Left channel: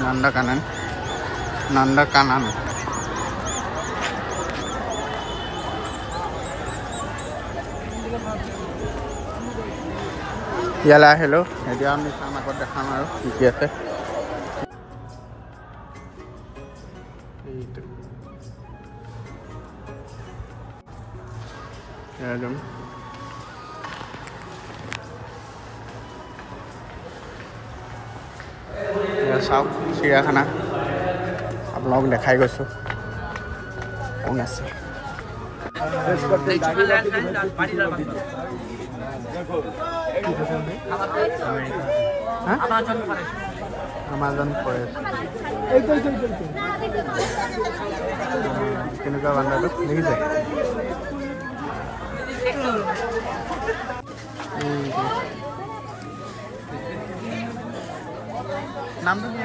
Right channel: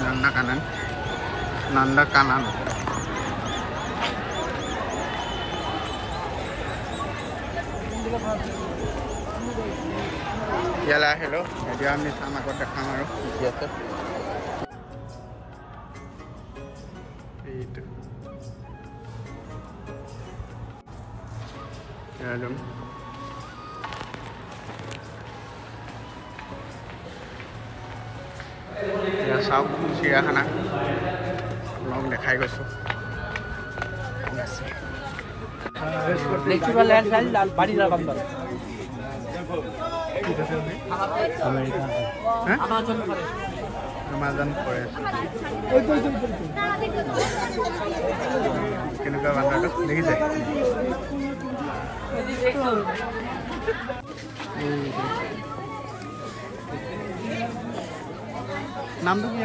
नंदकानन ইয়ালৈ আহিলোঁ এতিয়া আমি চাম আগত দেখাম আৰু কি কি আছে এইটো একদম চাওক চিৰিয়াখানা আপোনালোক দেখাই গৈছোঁ কোন আছে Amazon Forest কেনেকুৱা বান্দাটো দেখিছে নামটো কি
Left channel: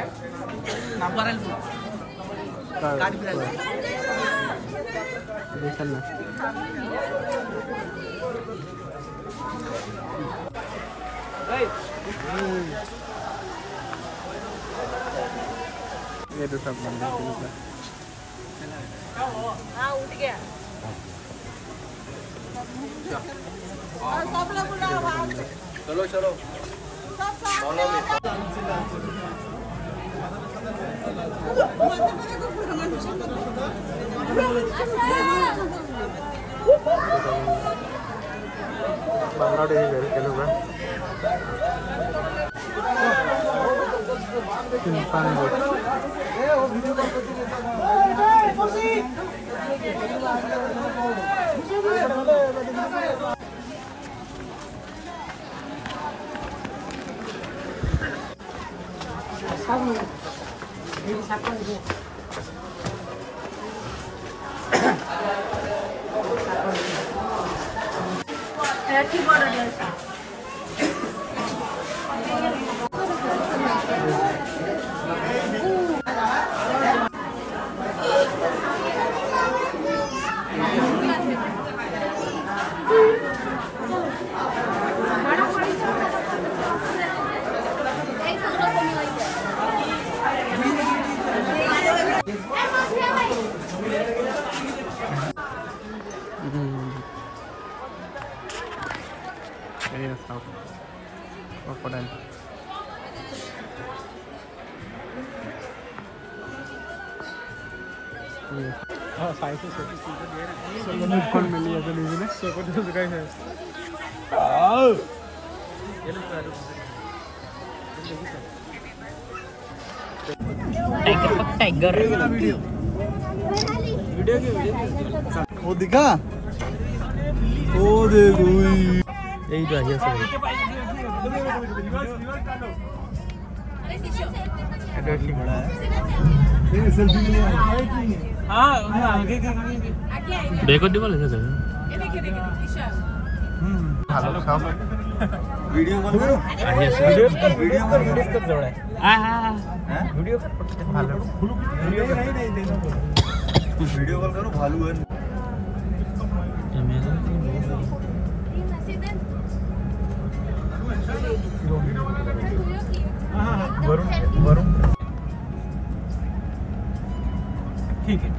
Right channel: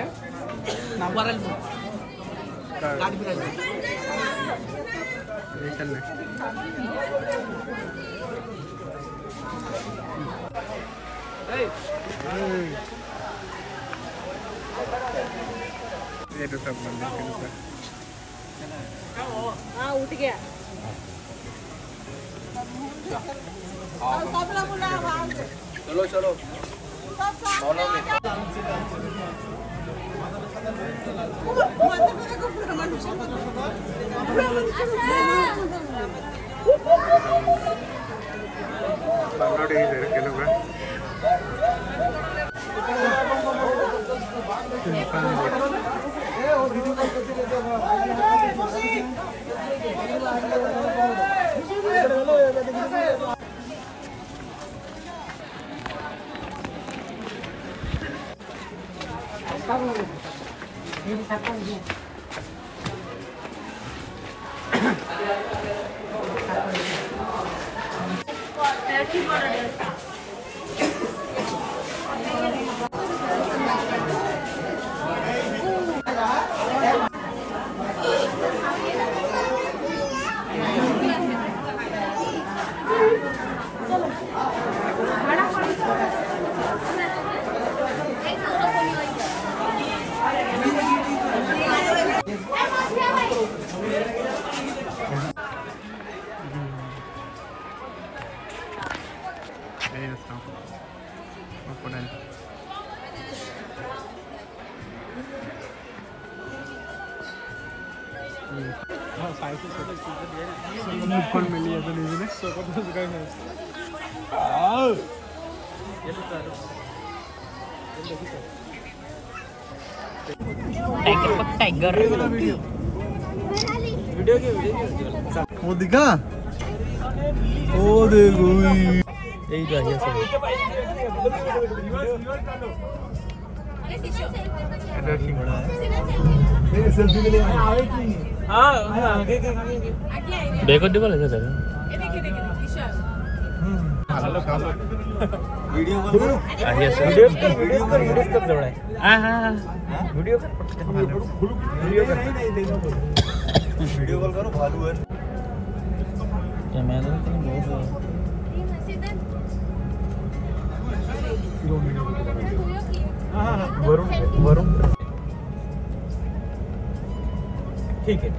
দেখিছেন নাই ये तो सब बंद है कितना हाँ उठ गया चलो चलो बांग्लादेश इधर के लोग कौन मिली है तो नहीं ना टाइगर पक टाइगर वीडियो की वो दिखा ओ देखो यही तो है सब ऐसा ही बड़ा है ये सेल्फी के लिए हां आगे देखो दिवाल है सर ये देखिए ईशा हेलो साहब वीडियो कॉल करो वीडियो कब जोड़ा है हां हां वीडियो वीडियो कॉल करो भालू है वरुण वरुण ठीक है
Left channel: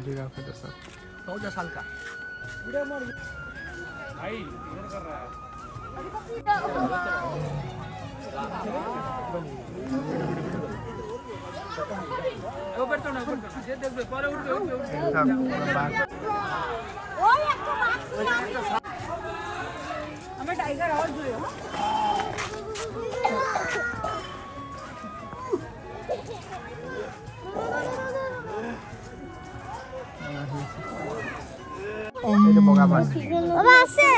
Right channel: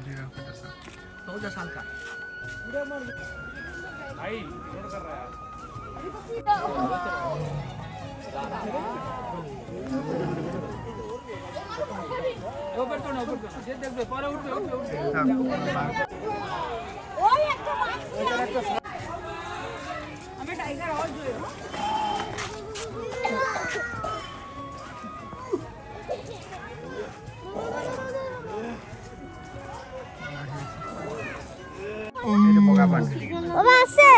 जिराफ जैसा 14 साल का भाई इधर कर रहा है ऊपर तो ना ऊपर देख दे पर उठ हमें टाइगर और जो itu boga bak बाबा से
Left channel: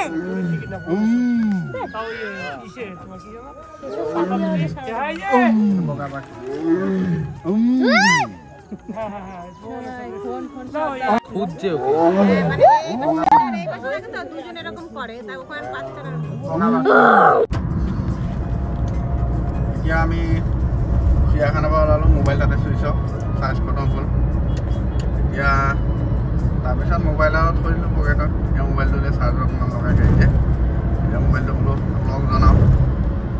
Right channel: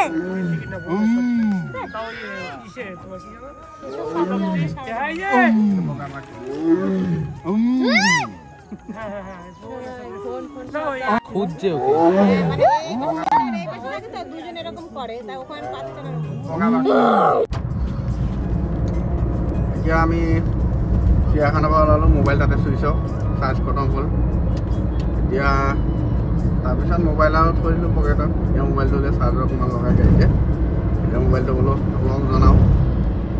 itu boga bak खुद जे দুজন এরকম করে তাই ওখানে বাচ্চারা boga bak ya আমি চিয়াখানা পালালো মোবাইল তাতে সুইচ অফ চার্জ খতম হল এতিয়া তাৰপিছত মোবাইল আউট কৰিলোঁ পকেটত এই মোবাইলটো চাৰ্জত লগাই দিছে এতিয়া মোবাইলটো বোলো আপোনাক জনাওঁ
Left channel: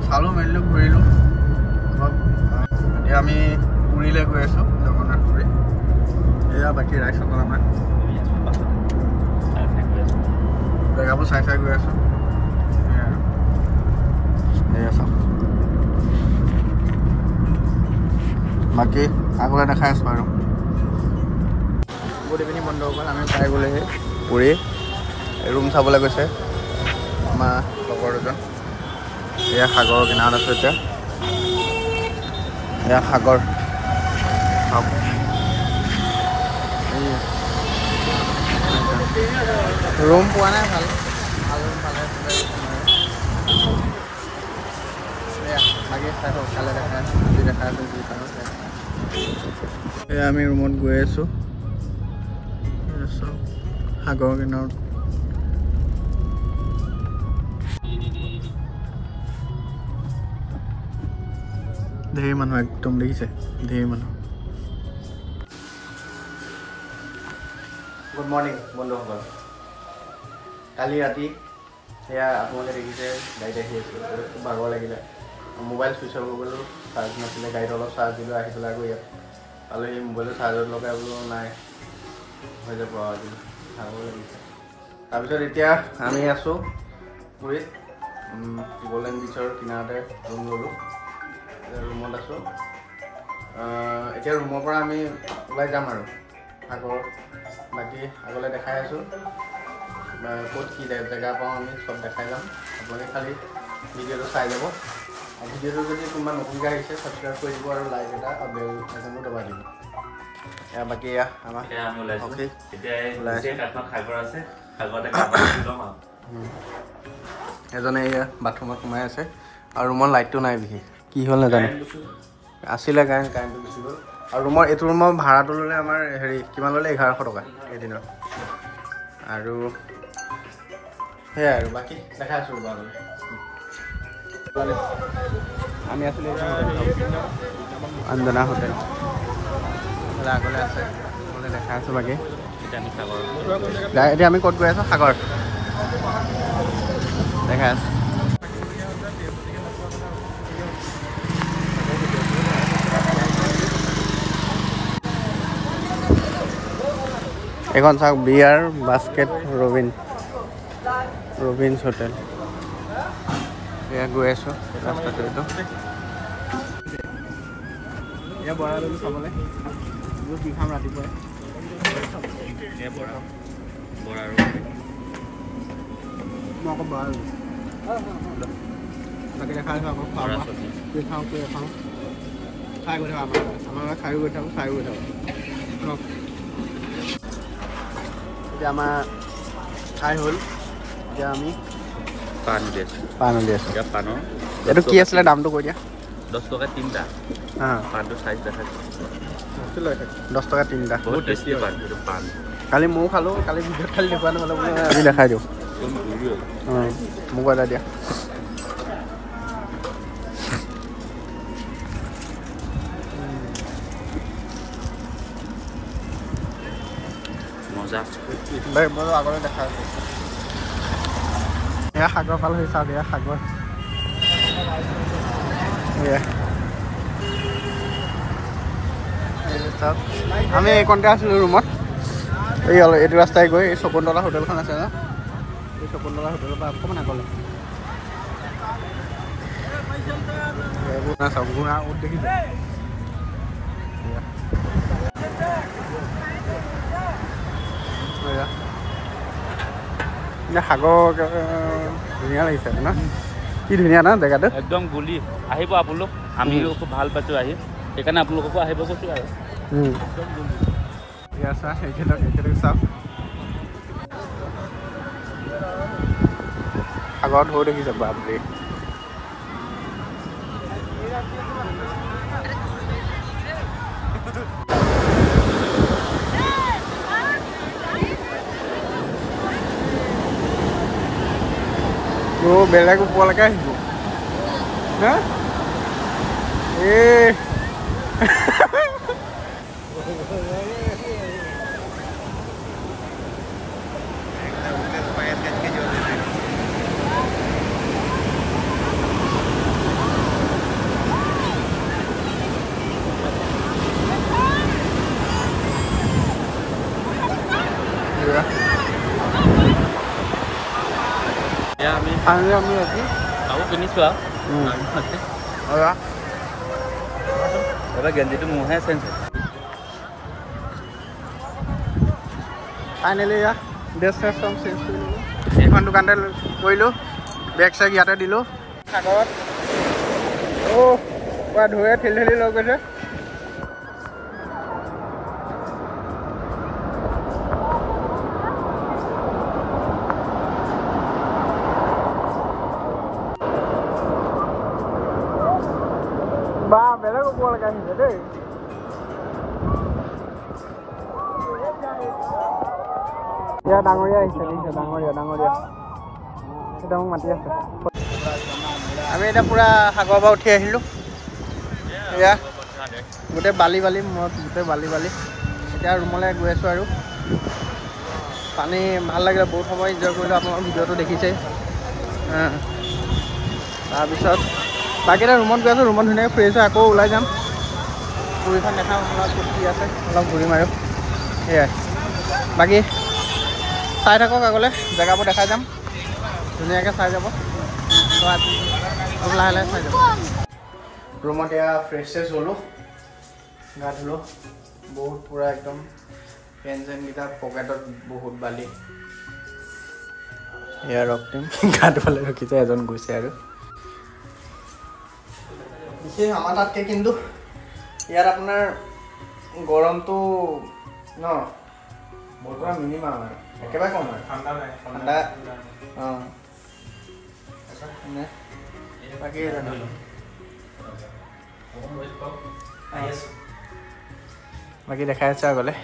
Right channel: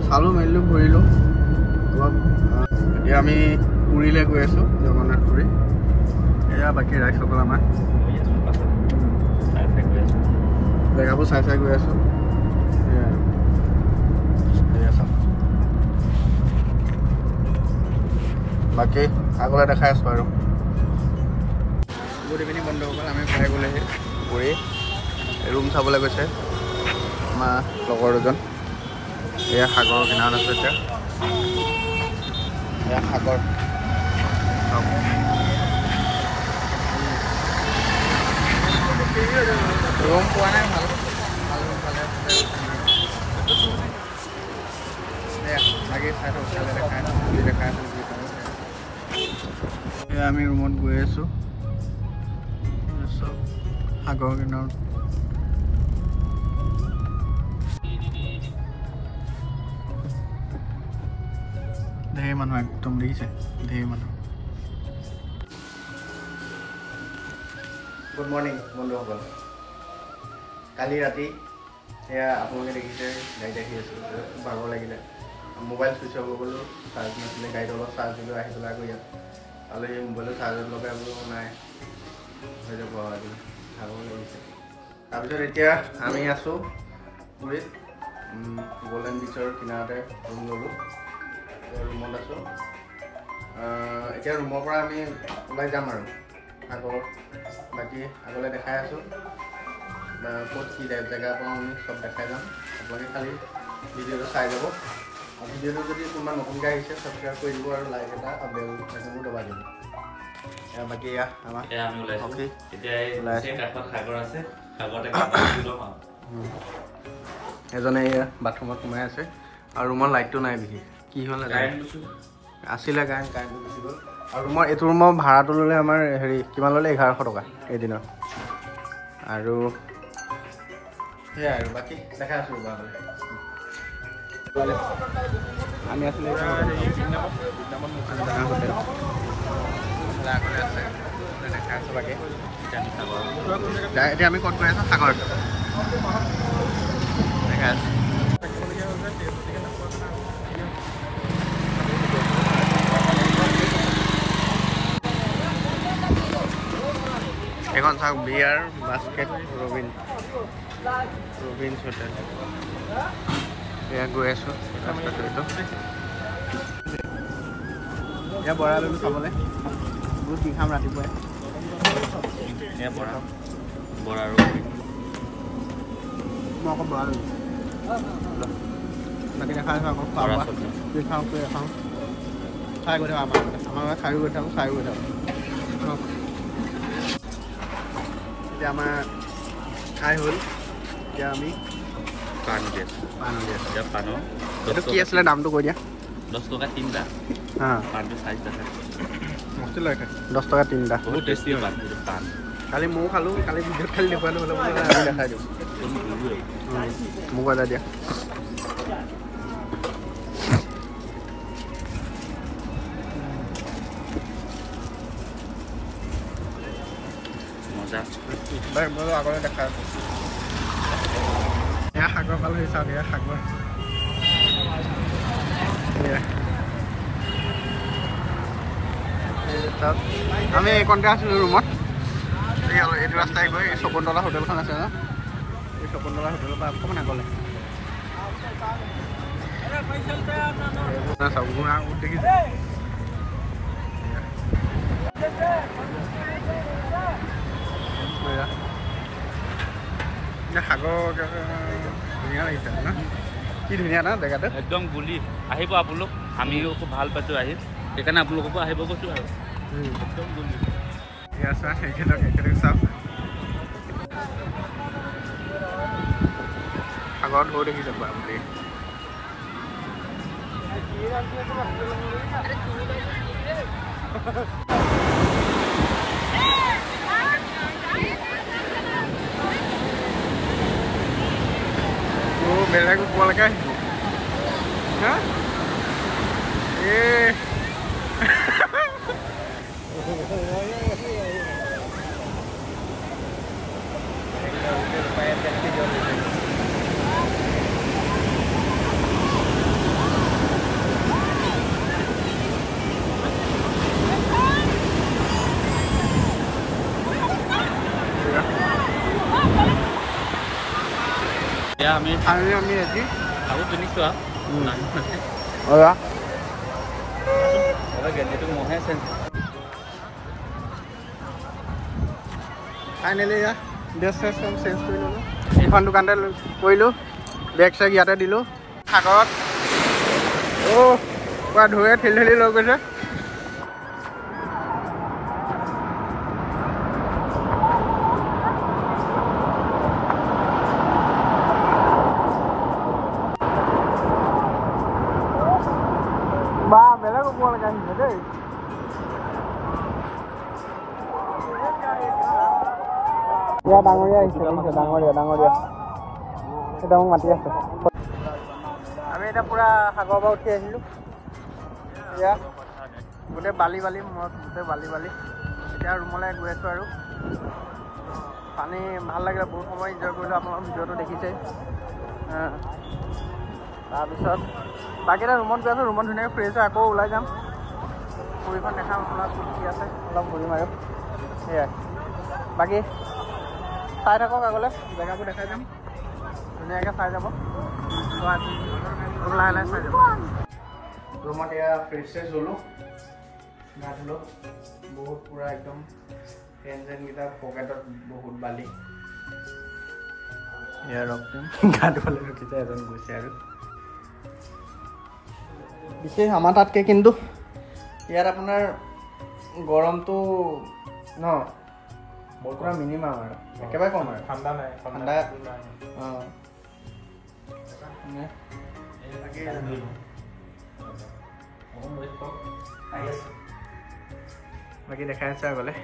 চালোঁ মেলিলোঁ ঘূৰিলোঁ এতিয়া আমি পুৰীলৈ গৈ আছোঁ জগন্নাথ পুৰী এয়া বাকী ৰাইজসকল আমাৰ জেগাবোৰ চাই চাই গৈ আছোঁ বাকী আগলৈ দেখাই আছোঁ আৰু গুড ইভিনিং বন্ধুসকল আমি পাই গ'লোহি পুৰী ৰুম চাবলৈ গৈছে আমাৰ লগৰ দুজন এয়া সাগৰৰ কিনাৰত আছোঁ এতিয়া এয়া সাগৰ চাওক ৰুম পোৱা নাই ভাল ভাল ৰুম পালে তাতে এয়া বাকী চাই থাকক কাইলৈ দেখাই আছোঁ আজি দেখাই আছোঁ যি পাৰোঁ এয়া আমি ৰুমত গৈ আছোঁ সাগৰৰ কিনাৰত ঢেৰ মানুহ একদম দেখিছে ঢেৰ মানুহ গুড মৰ্ণিং বন্ধুসকল কালি ৰাতি সেয়া আপোনালোকে দেখিছে গাড়ীত আহি আছিলোঁ খুব ভাগৰ লাগিলে মোবাইল ছুইচ অফ গ'লোঁ চাৰ্জ নাছিলে গাড়ীত অলপ চাৰ্জ দিলোঁ আহি পেলাই আকৌ ইয়াত পালোঁ সেই মোবাইলটো চাৰ্জত লগাই বোলো নাই হৈ যাব আজি ভাগৰ লাগিছে তাৰপিছত এতিয়া আমি আছোঁ পুৰীত গল্ডেন বিচৰ কিনাৰতে ৰুম ল'লোঁ ৰুমত আছোঁ এতিয়া ৰুমৰ পৰা আমি ওলাই যাম আৰু সাগৰ বাকী আগলৈ দেখাই আছোঁ ক'ত কি জেগা পাওঁ আমি চব দেখাই যাম আপোনালোকে খালি ভিডিঅ'টো চাই যাব আৰু ভিডিঅ'টো যদি কোনোবা নতুনকৈ আহিছে ছাবস্ক্ৰাইব কৰি দিব আৰু লাইক এটা আৰু বেল আইকনটো দবাই দিব বাকী এয়া আমাৰ এজনে এয়া বাথৰুমত সোমাই আছে আৰু ৰুমৰ লাইটটো নাই বিশেষ কি হ'ল নাজানো আছিলে কাৰেণ্টটো গুচি গ'ল আৰু ৰুমৰ এইটো ৰুমৰ ভাড়াটো ল'লে আমাৰ হেৰি কিমান ল'লে 1100 টকা এদিনত আৰু সেয়াই আৰু বাকী দেখাই আছোঁ আগলৈ আমি আছিলোঁ আঞ্জনা হোটেল আগলৈ আছে দেখাই আছোঁ বাকী এতিয়া আমি ক'ত গৈ আছোঁ সাগৰ দেখাই আছোঁ এখন চাওক বিয়াৰ বাস্কেট ৰবিনছ হোটেল এয়া গৈ আছোঁ ৰাস্তাটো এইটো এয়া বৰা ল'লোঁ চাবলৈ বহুত বিখাম ৰাতিপুৱাই মই আকৌ বৰা ল'লোঁ বাকী দেখাই আছোঁ আকৌ খোৱা বোৱা কি খাওঁ কি খাওঁ খাই গৈ থাকোঁ আমাৰ খায়ো গৈ থাকোঁ চায়ো গৈ থাকোঁ এতিয়া আমাৰ খাই হ'ল এতিয়া আমি পাণ উলিয়াই আছোঁ এতিয়া পাণৰ এইটো কি আছিলে দামটো কৈ দিয়া 10 টকা 3টা পাণটো চাইজ দেখাইছোঁ 10 টকা 3টা বহুত টেষ্টি পাণ কালি ময়ো খালোঁ কালি ভিডিঅ'ত খালি দেখুৱাই নহ'লে বোলে আমি দেখাই দিওঁ মোক এটা দিয়া মই আগলৈ দেখাই আছোঁ এয়া সাগৰ পাল হৈ চাওক এয়া সাগৰ এয়া চাওক আমি এইকণতে আছিলোঁ ৰুমত এই এইটো ৰাস্তাই গৈ এই শকুন্তলা হোটেলখন আছে ন এই শকুন্তলা হোটেলৰ পৰা অকণমান আগলৈ চাওক ঘোঁৰা উঠ দেখিছে সাগৰ ধুনীয়া লাগিছে ন কি ধুনীয়া ন জেগাটো একদম গুলি আহিব আপোনালোক আমিও খুব ভাল পাইছোঁ আহি সেইকাৰণে আপোনালোককো আহিব কৈছোঁ আৰু একদম গুলি এয়া চোৱা এখেতক চাওক সাগৰত ঢৌ দেখিছে বাপৰে বেলেগ ওপৰলৈকে আহিছে হা ফাইনেলি আমি আজি আকৌ কিনিছোঁ আৰু এবাৰ গেঞ্জিটো মোহে চেঞ্জ ফাইনেলি এয়া ড্ৰেছ চেছ চব চেঞ্জ কৰি ল'লোঁ এইখন দোকানতে কৰিলোঁ বেগ চেগ ইয়াতে দিলোঁ সাগৰত পুৰা ধুৱে ঠেলি লৈ গৈছে বা বেলেগ ওপৰ আহিছে দেই এয়া ডাঙৰীয়া আহিছে ডাঙৰীয়া এটা মোক মাতি আছে আমি এতিয়া পূৰা সাগৰৰ পৰা উঠি আহিলোঁ এয়া গোটেই বালি মূৰত গোটেই বালি এতিয়া ৰুমলৈ গৈ আছোঁ আৰু পানী ভাল লাগিলে বহুত সময় এনজয় কৰিলোঁ আপোনালোকৰ ভিডিঅ'টো দেখিছেই তাৰপিছত বাকী এটা ৰুমত গৈ আছোঁ ৰুমত ধুনীয়াকৈ ফুৰি আছোঁ আকৌ ওলাই যাম পুৰীখন দেখাম আপোনালোক ক'ত কি আছে অলপ ঘূৰিম আৰু সেয়াই বাকী চাই থাকক আগলৈ জেগাবোৰ দেখাই যাম ধুনীয়াকৈ চাই যাব লাহে লাহে চাই যাব ৰুমত এয়া ফ্ৰেছ চেছ হ'লোঁ গা ধুলোঁ বহুত পূৰা একদম পেন চেনকেইটা পকেটত বহুত বালি এয়া ৰক টিম গা ধুবলৈ ৰখিছে এজন গৈছে আৰু বিশেষ আমাৰ তাতকৈ কিন্তু ইয়াত আপোনাৰ গৰমটো ন পূৰা মিনিমাম আৰু একেবাৰে কম আৰু ঠাণ্ডা অঁ বাকী দেখাই আছোঁ আগলৈ